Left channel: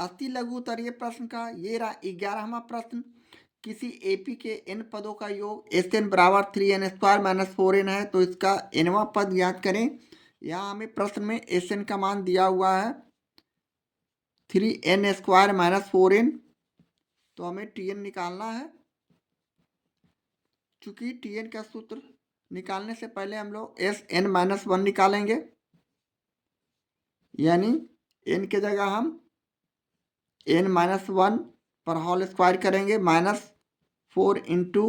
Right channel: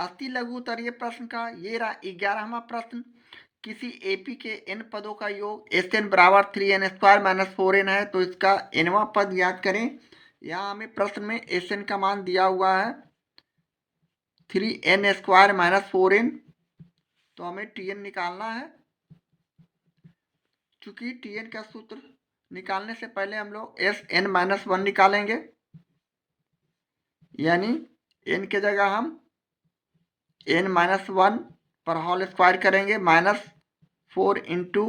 अति लघु उत्तरीय प्रश्न का ये रहा 11वां प्रश्न। किसी एपी के n पदों का योग Sn बराबर 3n² माइनस 4n है, तो इसका nवां पद याद करें। यहाँ हमें प्रश्न में Sn का मान दिया हुआ है 3n² माइनस 4n, तो हमें Tn निकालना है। चूंकि Tn का सूत्र निकालने से पहले हम लोग Sn माइनस 1 निकालेंगे, यानी n के जगह हम n माइनस 1 पर होल स्क्वायर करेंगे, माइनस 4 इंटू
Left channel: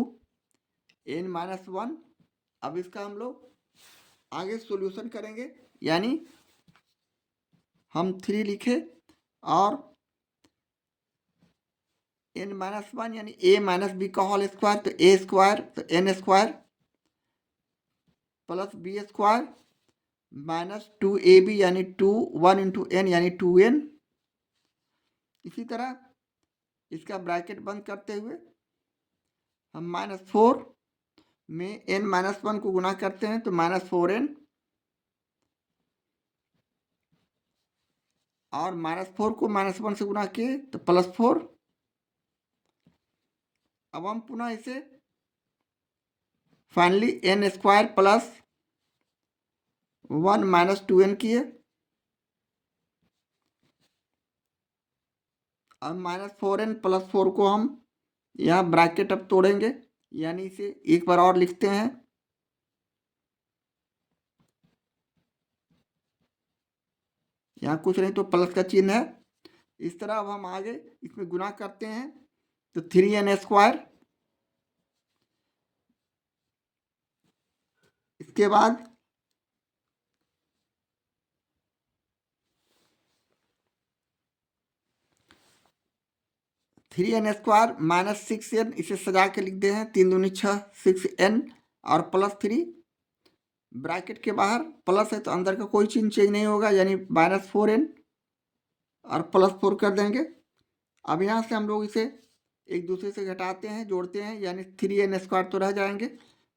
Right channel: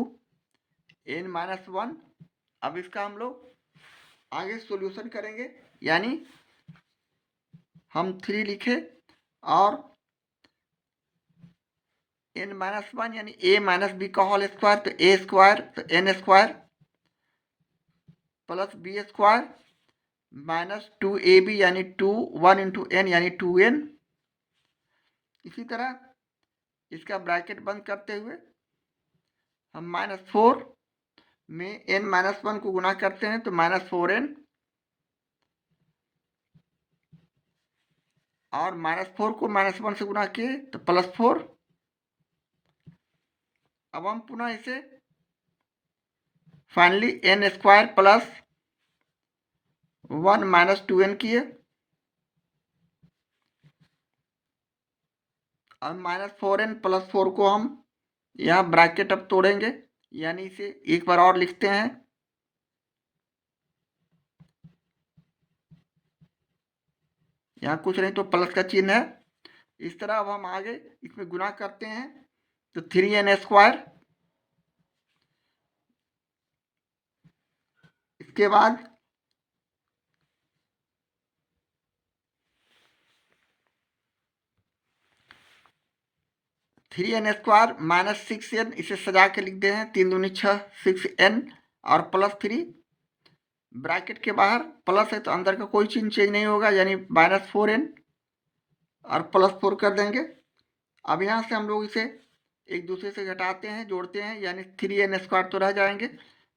n माइनस 1। अब इसका हम लोग आगे सॉल्यूशन करेंगे, यानी हम 3 लिखे और n माइनस 1 यानी a माइनस बी का होल स्क्वायर, तो a स्क्वायर तो n square plus B square minus 2ab यानी 1 इंटू n यानी 2n। इसी तरह इसका ब्रैकेट बंद करते हुए हम माइनस 4 में n माइनस 1 को गुना करते हैं, तो माइनस 4n और माइनस 4 को माइनस 1 से गुना किए तो प्लस 4। अब हम पुनः इसे finally n square plus 1 minus 2n किए। अब माइनस 4n प्लस 4 को हम यहाँ ब्रैकेट अब तोड़ेंगे, यानी इसे एक बार और लिखते हैं। यहाँ कुछ नहीं तो प्लस का चिन्ह है। इस तरह अब हम आगे इसमें गुना करते हैं, तो 3n²। इसके बाद three N square minus 6n, इसे सजा के लिख दे हैं 3 दूनी 6 6n और प्लस 3 ब्रैकेट के बाहर प्लस है तो अंदर का कोई चिन्ह चेंज नहीं होगा, यानी माइनस 4n और प्लस 4 कर देंगे। अब यहाँ से हम लोग इसे एक दूसरे से घटाते हैं, जोड़ते हैं, यानी 3n² तो रह जाएंगे,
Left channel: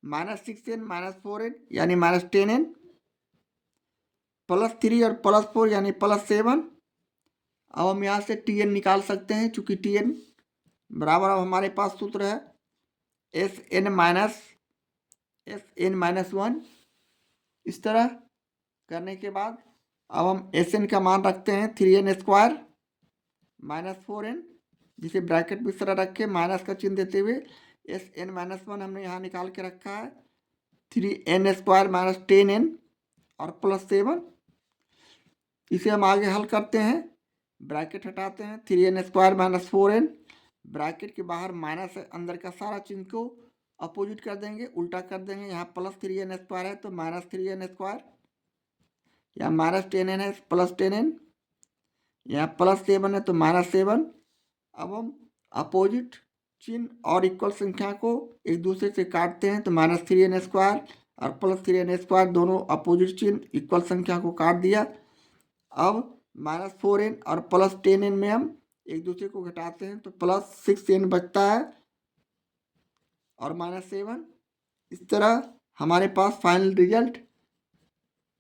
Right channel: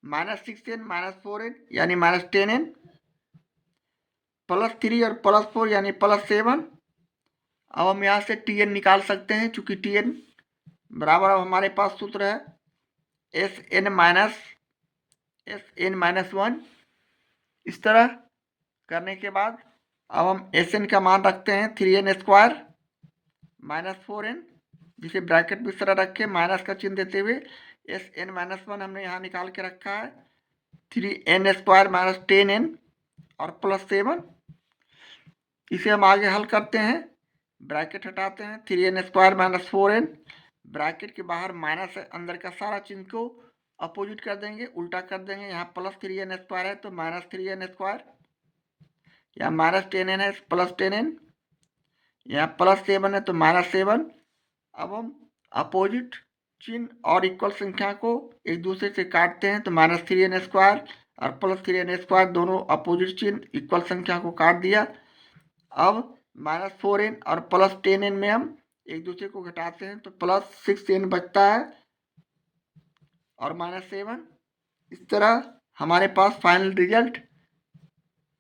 माइनस 6n माइनस 4n यानी माइनस 10n प्लस 3 और प्लस 4 यानी प्लस 7। अब हम यहाँ से Tn निकाल सकते हैं, चूंकि Tn बराबर अब हमारे पास सूत्र है Sn माइनस 1। इस तरह करने के बाद अब हम Sn का मान रखते हैं 3n² माइनस 4n, जिसे ब्रैकेट में इस तरह रखे माइनस का चिन्ह देते हुए Sn माइनस 1 हमने यहाँ निकाल के रखा है 3n² माइनस 10n और प्लस 7। इसे हम आगे हल करते हैं, ब्रैकेट हटाते हैं 3n² माइनस 4n, ब्रैकेट के बाहर माइनस है, अंदर का सारा चिन्ह को अपोजिट कर देंगे, उल्टा कर देंगे। यहाँ प्लस 3n² है तो माइनस 3n², यहाँ माइनस 10n है प्लस 10n, यहाँ प्लस 7 है तो माइनस 7। अब हम अपोजिट चिन्ह और इक्वल संख्या को एक दूसरे से काटते हैं, तो माइनस 3n² और प्लस 3n² दोनों अपोजिट चिन्ह इक्वल संख्या को काट दिया। अब माइनस 4n और प्लस 10n में हम एक दूसरे को घटाते हैं, तो प्लस 6n बचता है और माइनस 7। इस तरह हमारे पास final result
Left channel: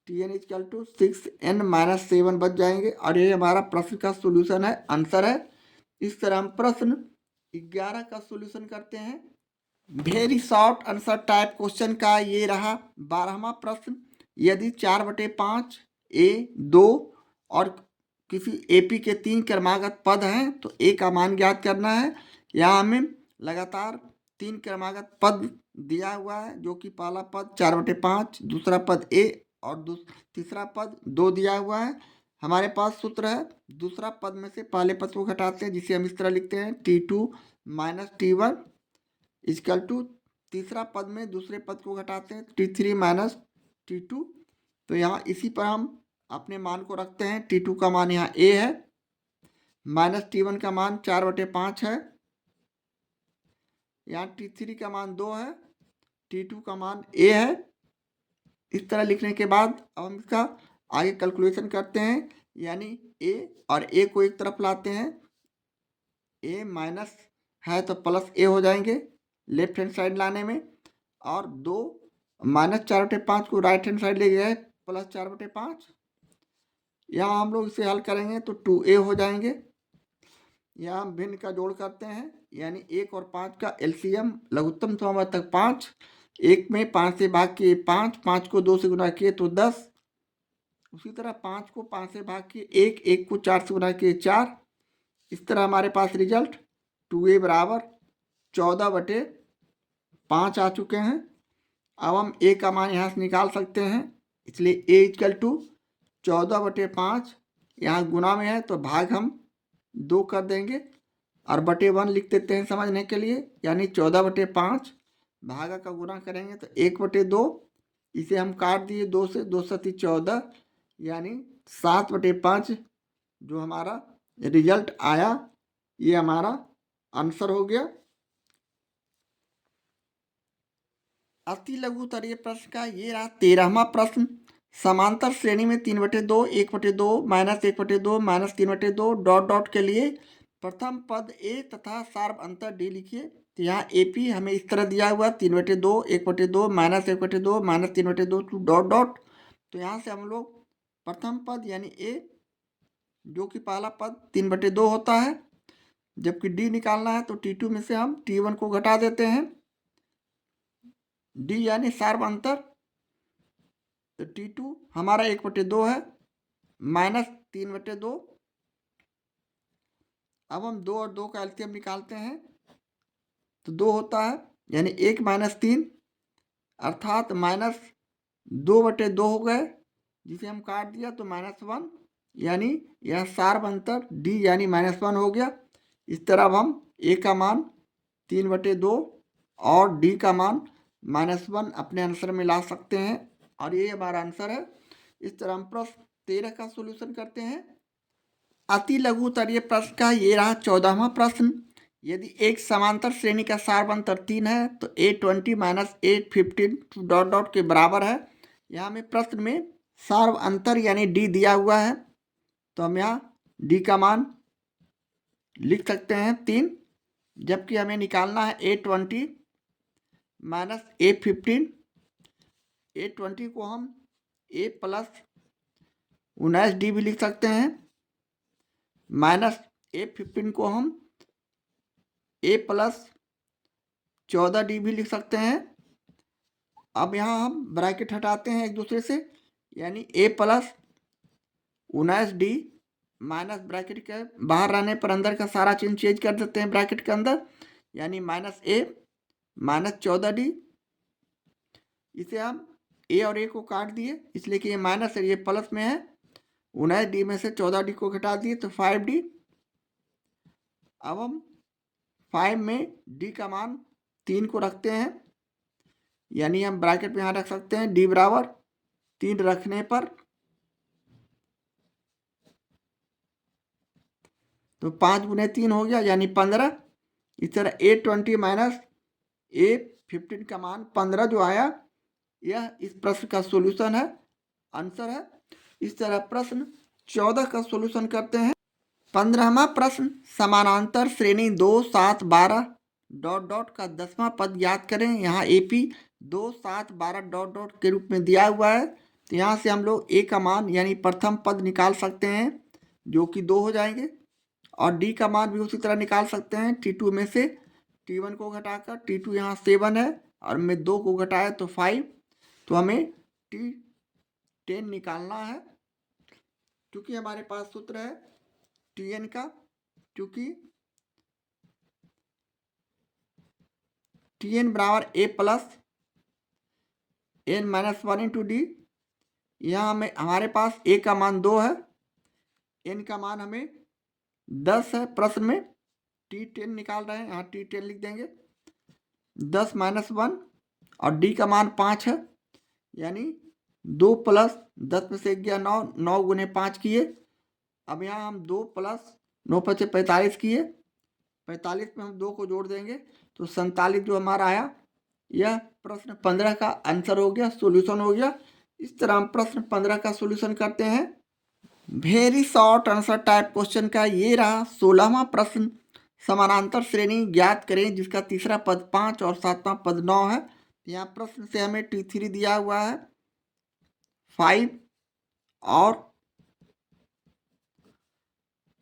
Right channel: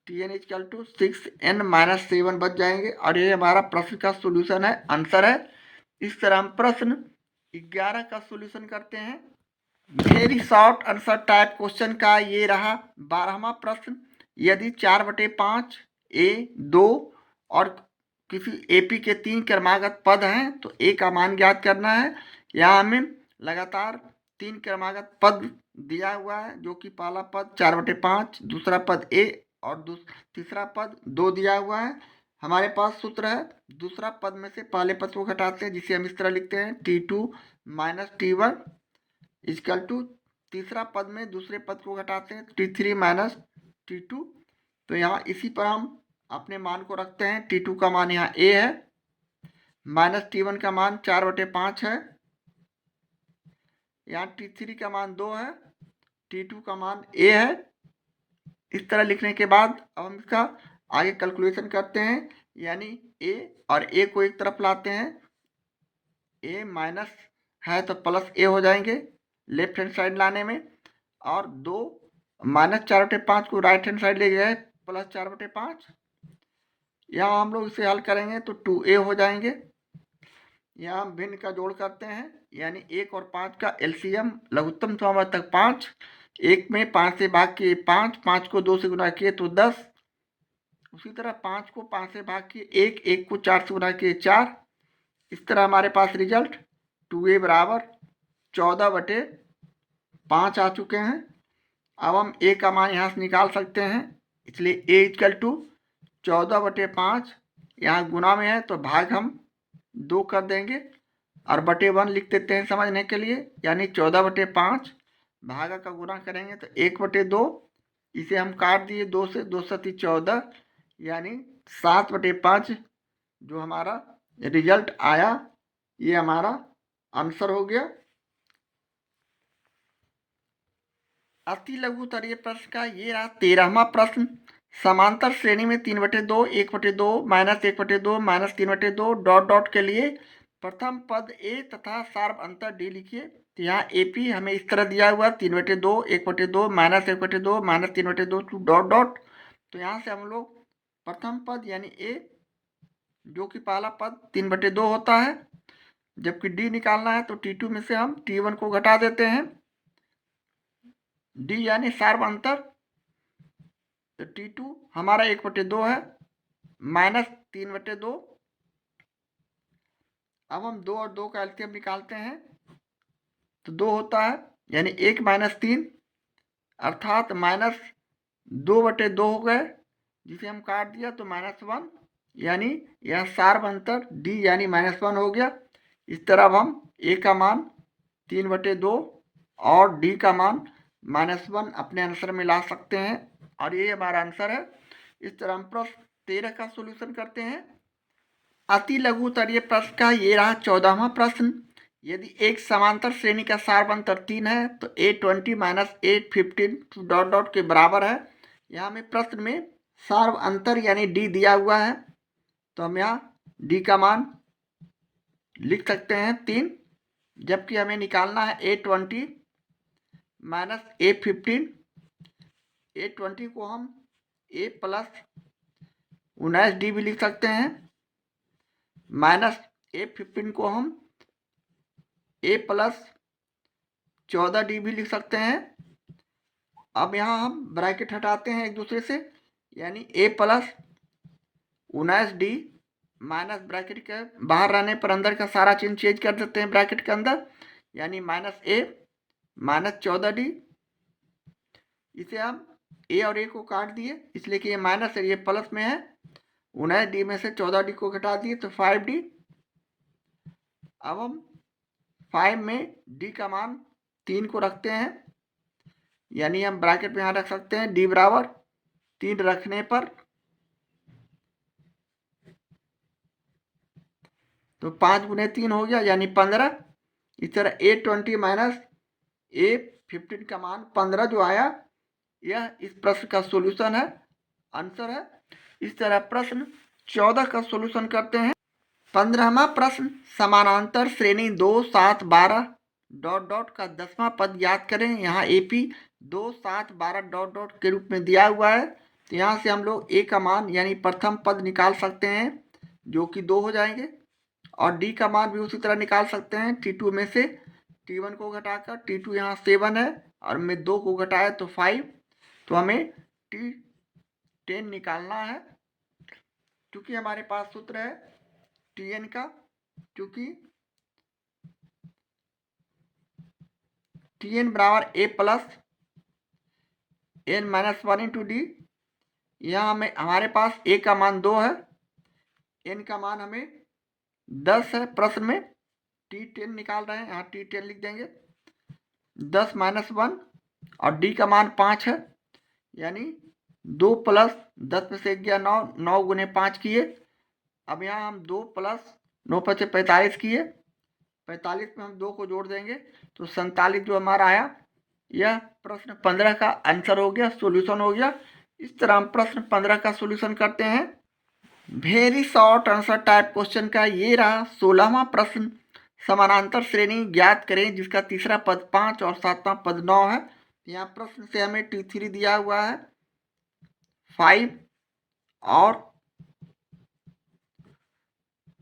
Tn = 6n minus 7 बच जाएंगे, और ये हमारा प्रश्न का सोल्यूशन है, आंसर है। इस तरह हम प्रश्न 11 का सोल्यूशन करते हैं। Very short answer type question का ये रहा 12वां प्रश्न। यदि 4/5 A2 और किसी AP के 3 क्रमागत पद हैं, तो A का मान ज्ञात करना है। यहाँ हमें लगातार 3 क्रमागत पद दिया हुआ है, जो कि पहला पद 4/5, दूसरा पद A और तीसरा पद 2 दिया हुआ है। हमारे पास सूत्र है, दूसरा पद में से पहले पद को घटाते हैं, जिसे हम इस तरह लिखते हैं T2 minus T1 equal to तीसरा पद में दूसरे पद को घटाते हैं T3 माइनस T2। तो यहाँ इसी पर हम अपने मान को रखते हैं। T2 का मान यहाँ A है, माइनस T1 का मान 4/5 है, यहाँ T3 का मान 2 है, T2 का मान A है। इस तरह लिखने के बाद अब हम इसका आगे कैलकुलेशन करते हैं, यानी A और A को एक तरफ लाते हैं, A माइनस है तो प्लस A हो जाएंगे लेफ्ट हैंड साइड लाने में, और 2 माइनस 4/5 को राइट हैंड साइड ले गए प्लस 4/5। यहाँ हम लोग इसे हल करेंगे तो 2A हो जाएंगे, यहाँ हम भिन्न का जोड़ करते हैं, यानी 1 और 5 का एलसीएम लघुत्तम समावर्तक 5, 1 में 5 से भाग किए 5, 5 को 2 से गुना किए तो 10, उसी तरह 5 को 5 से भाग किए 1, 1 को 4 से गुना किए 4। इस तरह हमारे पास रिजल्ट 2a बराबर 14/5 आ चुके हैं। अब हम a का मान यहाँ से निकाल सकते हैं, इसलिए a इक्वल टू 14/5, यहाँ गुना में है तो भाग हम 2 कर देंगे और बटे 1 लिख देते हैं समझने के लिए, यानी 14/5 भागा का गुना करेंगे तो 1/2, इसे हम काट दिए 2 से, 2 सती 14, यानी 7/5 जो हमारा रिजल्ट आया, ये हमारा आंसर हो गया। अति लघु तरीय प्रश्न का ये रहा 13वां प्रश्न। समांतर श्रेणी में 3/2, 1/2, -1/2, -3/2 डॉट डॉट के लिए प्रथम पद ए तथा सार्व अंतर डी लिखिए। तो यहाँ एपी हमें इस तरह दिया हुआ 3/2, 1/2, -1/2, -3/2 टू डॉट डॉट। तो यहाँ से हम लोग प्रथम पद यानी ए, जो कि पहला पद 3/2 होता है, जबकि डी निकालना है तो T2 में से हम T1 को घटा देते हैं। डी यानी सार्व अंतर, तो T2 हमारा 1/2 है, -3/2। अब हम 2 और 2 का एलसीएम निकालते हैं तो 2 होता है, यानी 1 - 3 अर्थात -2/2 हो गए, जिसे हम काट दिया तो -1, यानी यह सार्व अंतर डी यानी -1 हो गया। इस तरह अब हम ए का मान 3/2 और डी का मान -1 अपने आंसर में ला सकते हैं, और ये हमारा आंसर है। इस तरह हम प्रश्न 13 का सॉल्यूशन करते हैं। अति लघु तरीय प्रश्न का ये रहा 14वां प्रश्न। यदि एक समांतर श्रेणी का सार्व अंतर 3 है तो A20 - A15 डॉट डॉट के बराबर है। यहाँ हमें प्रश्न में सार्व अंतर यानी डी दिया हुआ है, तो हम यहाँ डी का मान लिख सकते हैं 3, जबकि हमें निकालना है A20 - A15। A20 को हम A प्लस 19D भी लिख सकते हैं, -A15 को हम A प्लस 14D भी लिख सकते हैं। अब यहाँ हम ब्रैकेट हटाते हैं एक दूसरे से, यानी A plus 19D minus bracket के बाहर रहने पर अंदर का सारा चिन्ह चेंज कर देते हैं ब्रैकेट के अंदर, यानी -A -14D। इसे हम A और A को काट दिए, इसलिए कि ये माइनस है, ये प्लस में है। 19D में से 14D को घटा दिए तो 5D। अब हम 5 में D का मान 3 को रखते हैं, यानी हम ब्रैकेट में यहाँ रख सकते हैं D बराबर 3 रखने पर तो 5 गुने 3 हो गया, यानी 15। इस तरह A20 माइनस A15 का मान 15 जो आया, यह इस प्रश्न का सॉल्यूशन है, आंसर है। इस तरह प्रश्न 14 का सॉल्यूशन करते हैं। 15वां प्रश्न, समानांतर श्रेणी 2, 7, 12 डॉट डॉट का 10वां पद याद करें। यहाँ AP 2, 7, 12 डॉट डॉट के रूप में दिया हुआ है, तो यहाँ से हम लोग A का मान यानी प्रथम पद निकाल सकते हैं, जो कि 2 हो जाएंगे, और D का मान भी उसी तरह निकाल सकते हैं। T2 में से T1 को घटाकर, T2 यहाँ 7 है और में 2 को घटाया तो 5, तो हमें T10 निकालना है, क्योंकि हमारे पास सूत्र है Tn का, क्योंकि Tn बराबर A plus n-1 into D. यहाँ हमें हमारे पास A का मान 2 है, n का मान हमें 10 है, प्रश्न में T10 निकाल रहे हैं, यहाँ T10 लिख देंगे 10 - 1, और D का मान 5 है, यानी 2 प्लस 10 में से 1 गया 9, 9 गुने 5 किए। अब यहाँ हम 2 प्लस 9 × 5 = 45 किए, 45 में हम 2 को जोड़ देंगे तो 47 जो हमारा आया, यह प्रश्न 15 का आंसर हो गया, सॉल्यूशन हो गया। इस तरह हम प्रश्न 15 का सॉल्यूशन करते हैं। Very short answer type question का ये रहा 16वां प्रश्न। समानांतर श्रेणी ज्ञात करें जिसका तीसरा पद 5 और 7वां पद 9 है। यहाँ प्रश्न से हमें T3 दिया हुआ है 5 और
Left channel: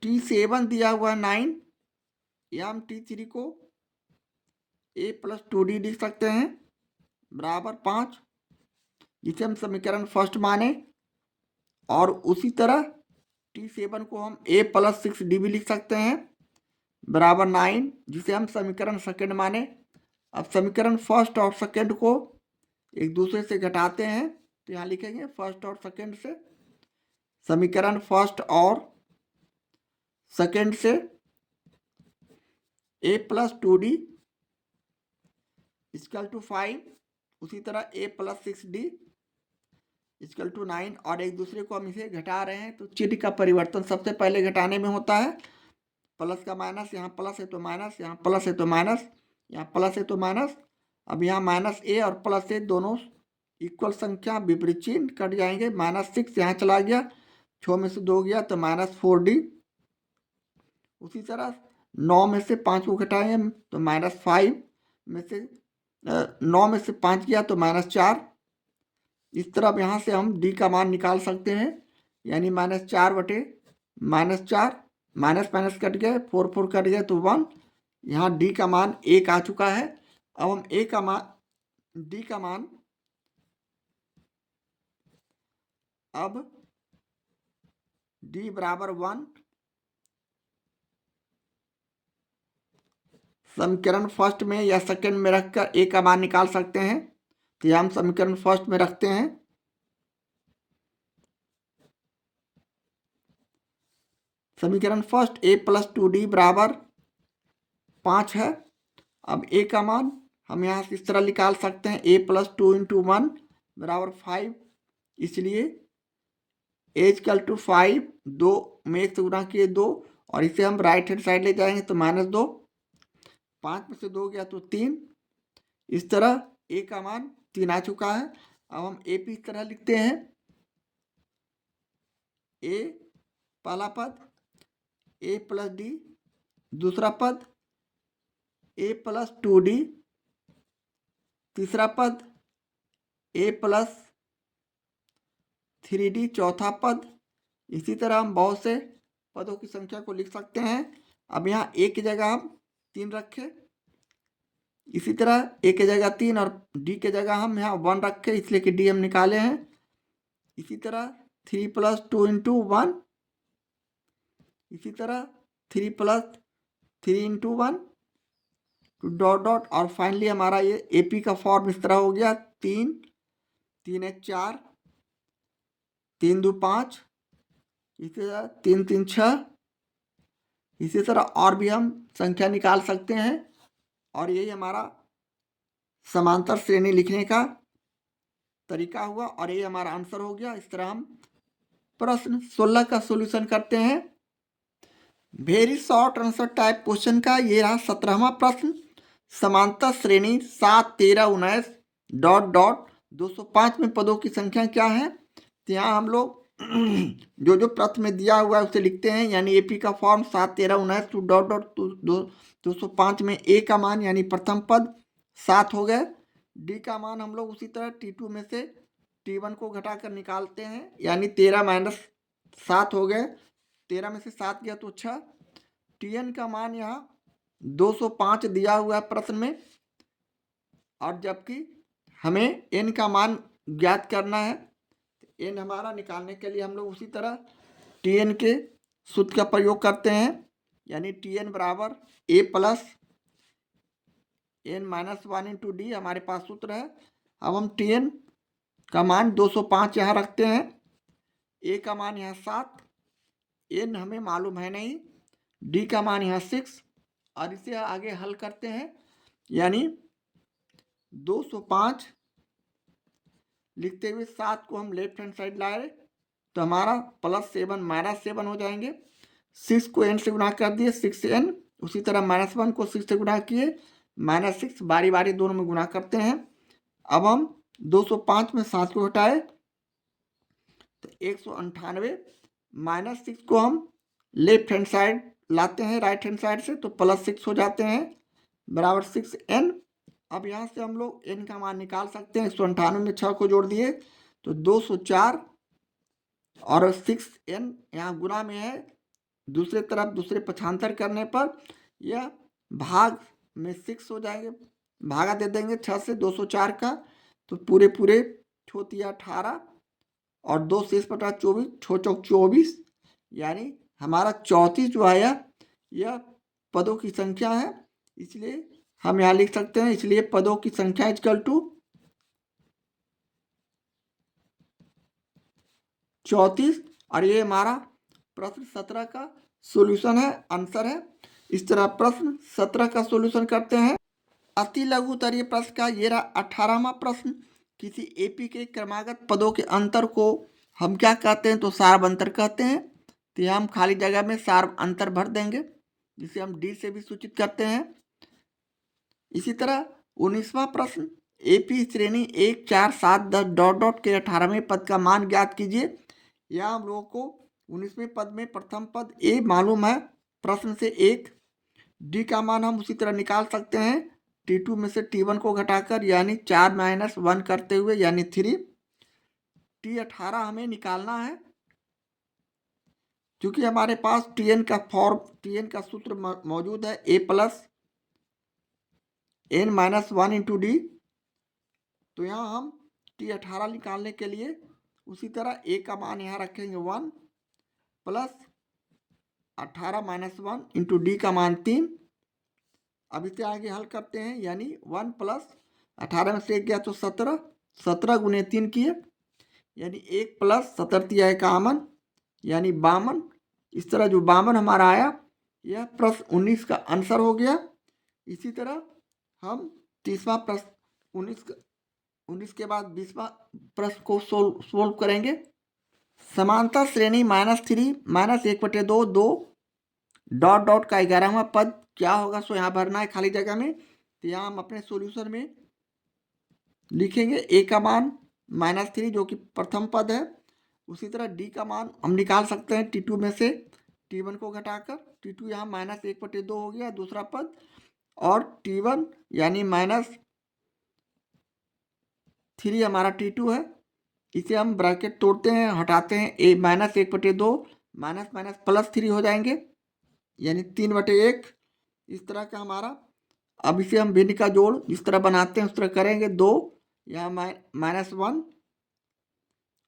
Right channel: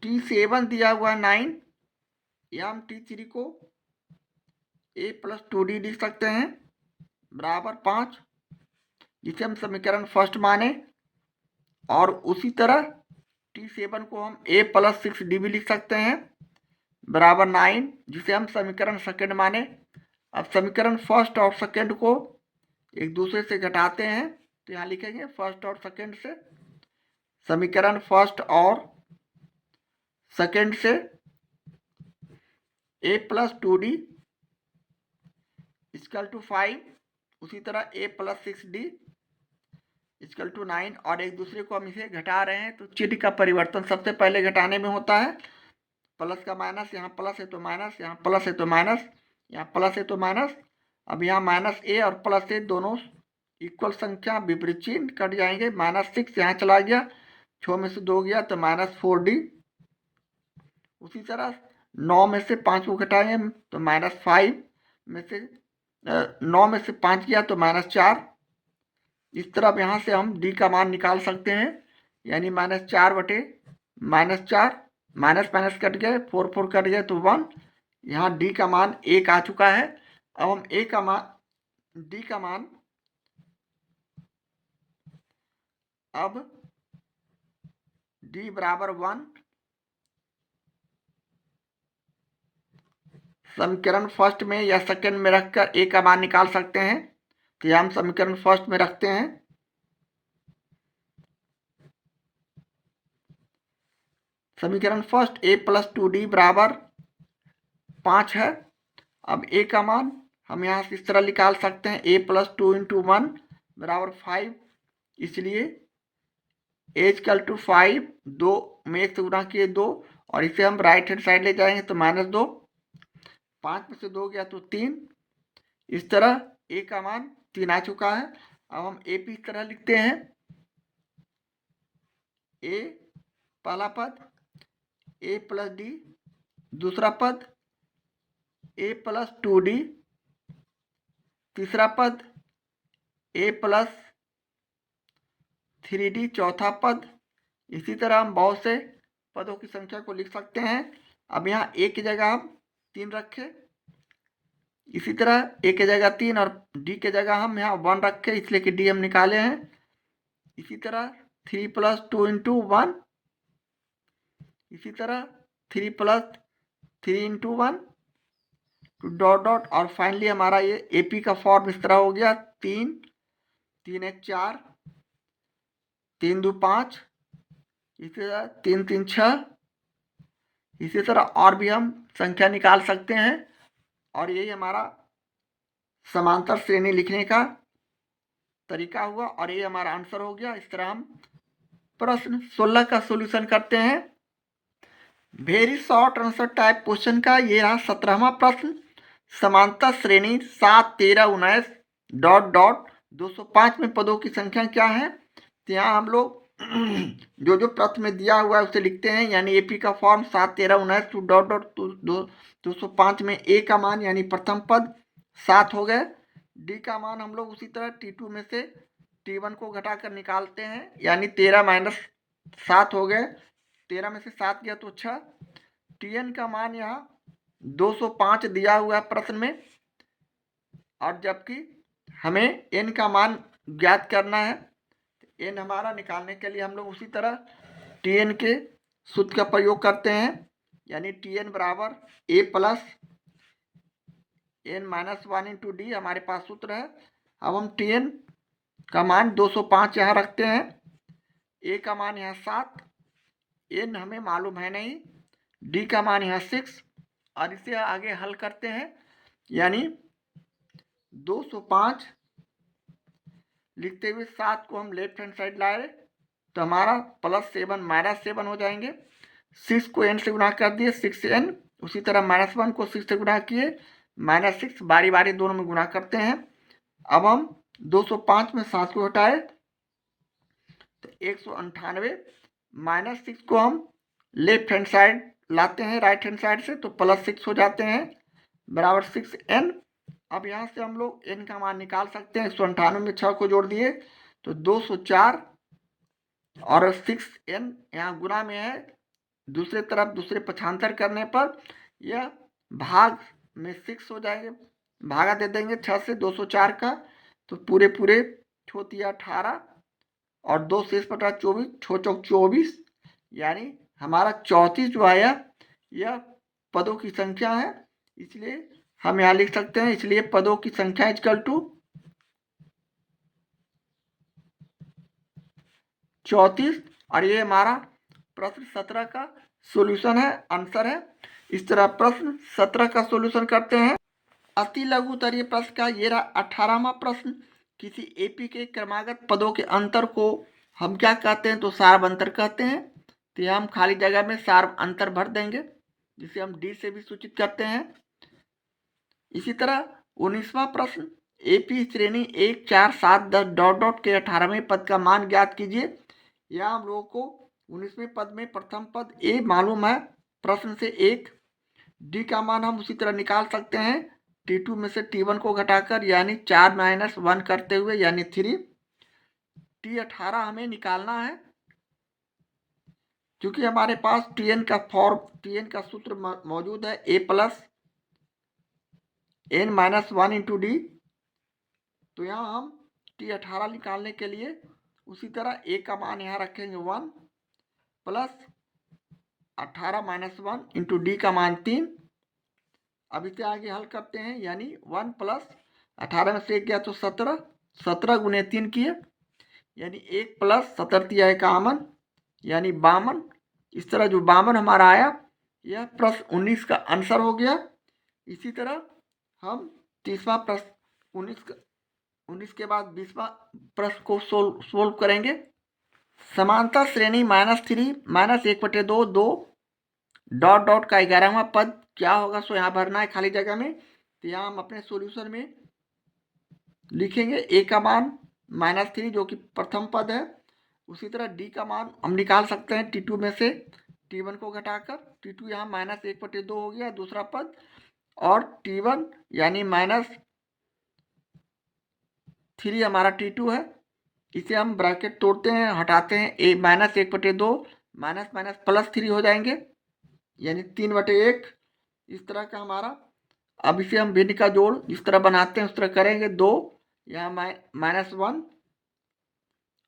T7 दिया हुआ है 9, या हम T3 को a+2d लिख सकते हैं बराबर 5, जिसे हम समीकरण फर्स्ट माने। और उसी तरह T7 को हम a+6d भी लिख सकते हैं बराबर 9, जिसे हम समीकरण सेकंड माने। अब समीकरण फर्स्ट और सेकंड को एक दूसरे से घटाते हैं, तो यहाँ लिखेंगे फर्स्ट और सेकंड से, समीकरण फर्स्ट और सेकंड से a+2d इक्वल टू 5, उसी तरह a+6d इक्वल टू 9, और एक दूसरे को हम इसे घटा रहे हैं, तो चिन्ह का परिवर्तन सबसे पहले घटाने में होता है। प्लस का माइनस, यहाँ प्लस है तो माइनस, यहाँ प्लस है तो माइनस, यहाँ प्लस है तो माइनस। अब यहाँ -a और +a दोनों इक्वल संख्या विपरीत चिन्ह कट जाएंगे। -6 यहाँ चला गया, 6 में से 2 गया तो -4d। उसी तरह 9 में से 5 को घटाएंगे तो -5 में से 9 में से 5 गया तो -4। इस तरह यहाँ से हम d का मान निकाल सकते हैं, यानी -4 बटे -4, माइनस माइनस कट गए, 4 4 कट गए तो 1। यहाँ d का मान 1 आ चुका है। अब हम d का मान अब d बराबर 1 समीकरण फर्स्ट में या सेकंड में रखकर a का मान निकाल सकते हैं। तो यह हम समीकरण फर्स्ट में रखते हैं। समीकरण फर्स्ट a+2d बराबर 5 है। अब a का मान हम यहाँ से इस तरह निकाल सकते हैं, a+2 × 1 बराबर 5, इसलिए a = 5, 2 में 1 से गुणा किए 2, और इसे हम राइट हैंड साइड ले जाएंगे तो -2, 5 में से 2 गया तो 3। इस तरह a का मान 3 आ चुका है। अब हम a p इस तरह लिखते हैं, a पहला पद a+d, दूसरा पद a+2d, तीसरा पद a+3d, चौथा पद। इसी तरह हम बहुत से पदों की संख्या को लिख सकते हैं। अब यहाँ a की जगह हम 3 रखें, इसी तरह a की जगह 3 और d की जगह हम यहाँ 1 रखें, इसलिए कि d हम निकाले हैं। इसी तरह 3 + 2 × 1, इसी तरह 3 + 3 × 1 डॉट डॉट, और फाइनली हमारा ये AP का फॉर्म इस तरह हो गया, 3 3 1 4, 3 2 5, इसी तरह 3 3 6। इसी तरह और भी हम संख्या निकाल सकते हैं, और यही हमारा समांतर श्रेणी लिखने का तरीका हुआ, और ये हमारा आंसर हो गया। इस तरह हम प्रश्न 16 का सॉल्यूशन करते हैं। Very short answer type question का ये रहा 17वां प्रश्न। समांतर श्रेणी 7 13 19 डॉट डॉट 205 में पदों की संख्या क्या है। तो यहाँ हम लोग जो प्रश्न में दिया हुआ है उसे लिखते हैं, यानी AP का फॉर्म 7 13 19 डॉट डॉट 205 में a का मान यानी प्रथम पद 7 हो गए। d का मान हम लोग उसी तरह T2 में से T1 को घटाकर निकालते हैं, यानी 13 - 7 हो गए, 13 में से 7 गया तो 6। Tn का मान यहाँ 205 दिया हुआ है प्रश्न में, और जबकि हमें n का मान ज्ञात करना है। n हमारा निकालने के लिए हम लोग उसी तरह Tn के सूत्र का प्रयोग करते हैं, यानी Tn बराबर a + n - 1 × d हमारे पास सूत्र है। अब हम Tn का मान 205 यहाँ रखते हैं, a का मान यहाँ 7, n हमें मालूम है नहीं, d का मान यहाँ 6, और इसे आगे हल करते हैं, यानी 205 लिखते हुए 7 को हम लेफ्ट हैंड साइड लाए तो हमारा +7 -7 हो जाएंगे। 6 को n से गुणा कर दिए, 6n, उसी तरह -1 को 6 से गुणा किए, -6, बारी बारी दोनों में गुणा करते हैं। अब हम 205 में 7 को हटाए तो 198, -6 को हम लेफ्ट हैंड साइड लाते हैं राइट हैंड साइड से, तो +6 हो जाते हैं बराबर 6n। अब यहाँ से हम लोग n का मान निकाल सकते हैं। 198 में 6 को जोड़ दिए तो 204, और 6n यहाँ गुना में है, दूसरे तरफ दूसरे पक्षांतर करने पर यह भाग में 6 हो जाएंगे, भागा दे देंगे 6 से 204 का, तो पूरे पूरे 18 और 2 शेष बटा 24, 6 चौक 24, यानी हमारा 34 जो आया यह पदों की संख्या है। इसलिए हम यहाँ लिख सकते हैं, इसलिए पदों की संख्या इक्वल टू 34, और ये हमारा प्रश्न 17 का सॉल्यूशन है, आंसर है। इस तरह प्रश्न 17 का सॉल्यूशन करते हैं। अति लघु उत्तरीय प्रश्न का ये रहा 18वां प्रश्न। किसी एपी के क्रमागत पदों के अंतर को हम क्या कहते हैं, तो सार्व अंतर कहते हैं। तो यहाँ हम खाली जगह में सार्व अंतर भर देंगे, जिसे हम डी से भी सूचित करते हैं। इसी तरह 19वां प्रश्न, एपी श्रेणी 1, 4, 7, 10 डॉट डॉट के 18वें पद का मान ज्ञात कीजिए। यहाँ हम लोगों को 19वें पद में प्रथम पद ए मालूम है प्रश्न से 1, डी का मान हम उसी तरह निकाल सकते हैं T2 में से T1 को घटाकर, यानी 4 - 1 करते हुए, यानी 3। T18 हमें निकालना है, क्योंकि हमारे पास Tn का सूत्र मौजूद है, a plus n - 1 into D. तो यहाँ हम T18 निकालने के लिए उसी तरह a का मान यहाँ रखेंगे 1 प्लस 18 - 1 इंटू डी का मान 3। अब इसे आगे हल करते हैं, यानी 1 प्लस 18 में से 1 गया तो 17, 17 गुने 3 किए, यानी 1 प्लस 17 तिया 51, यानी 52। इस तरह जो 52 हमारा आया, यह प्रश्न 19 का आंसर हो गया। इसी तरह हम 30वां प्रश्न 19 के बाद 20वां प्रश्न को सोल्व करेंगे। समांतर श्रेणी -3 -1/2 2 डॉट डॉट का 11वां पद क्या होगा, सो यहाँ भरना है खाली जगह में। तो यहाँ हम अपने सॉल्यूशन में लिखेंगे a का मान -3 जो कि प्रथम पद है। उसी तरह d का मान हम निकाल सकते हैं T2 में से T1 को घटाकर। T2 यहाँ -1/2 हो गया दूसरा पद, और T1 यानी -3 हमारा T2 है। इसे हम ब्रैकेट तोड़ते हैं, हटाते हैं, a -1/2 माइनस माइनस +3 हो जाएंगे, यानी 3/1। इस तरह का हमारा। अब इसे हम भिन्न का जोड़ जिस तरह बनाते हैं उस तरह करेंगे। 2 यहाँ -1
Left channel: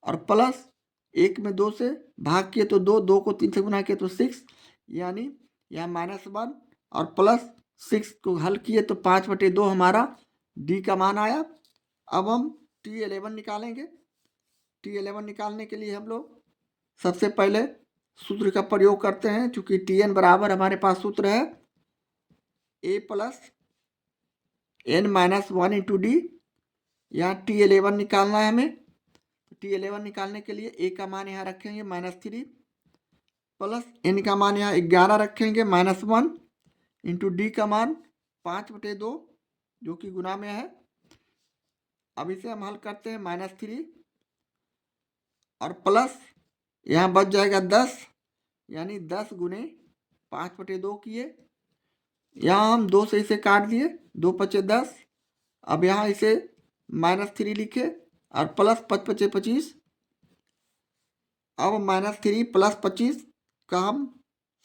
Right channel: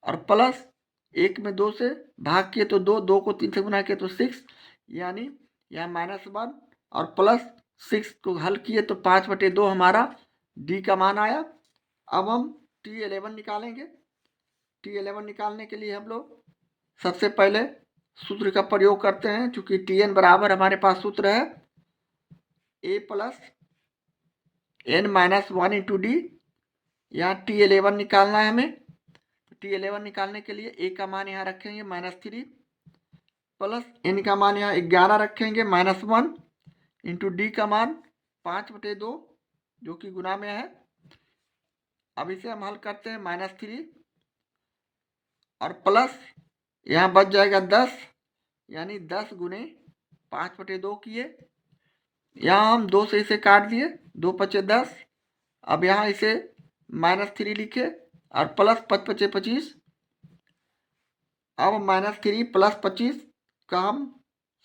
और प्लस 1 में 2 से भाग किए तो 2, 2 को 3 से गुना किए तो 6, यानी यहाँ -1 और प्लस 6 को हल किए तो 5/2 हमारा डी का मान आया। अब हम T11 निकालेंगे। T11 निकालने के लिए हम लोग सबसे पहले सूत्र का प्रयोग करते हैं, चूंकि Tn बराबर हमारे पास सूत्र है a plus n - 1 into D. यहाँ T11 निकालना है हमें। T11 निकालने के लिए a का मान यहाँ रखेंगे -3 प्लस n का मान यहाँ 11 रखेंगे -1 इंटू डी का मान 5/2 जो कि गुना में है। अब इसे हम हल करते हैं, -3 और प्लस यहाँ बच जाएगा 10, यानी 10 गुने 5/2 किए। यहाँ हम 2 से इसे काट दिए, 2 पचे 10। अब यहाँ इसे -3 लिखे और प्लस 5 पचे 25। अब -3 प्लस 25 का हम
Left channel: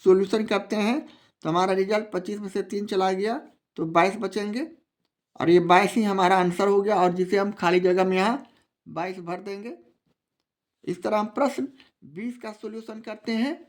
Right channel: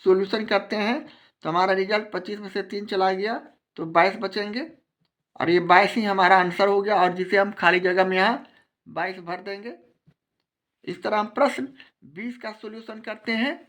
सॉल्यूशन करते हैं, तो हमारा रिजल्ट 25 में से 3 चला गया तो 22 बचेंगे, और ये 22 ही हमारा आंसर हो गया, और जिसे हम खाली जगह में यहाँ 22 भर देंगे। इस तरह हम प्रश्न 20 का सॉल्यूशन करते हैं।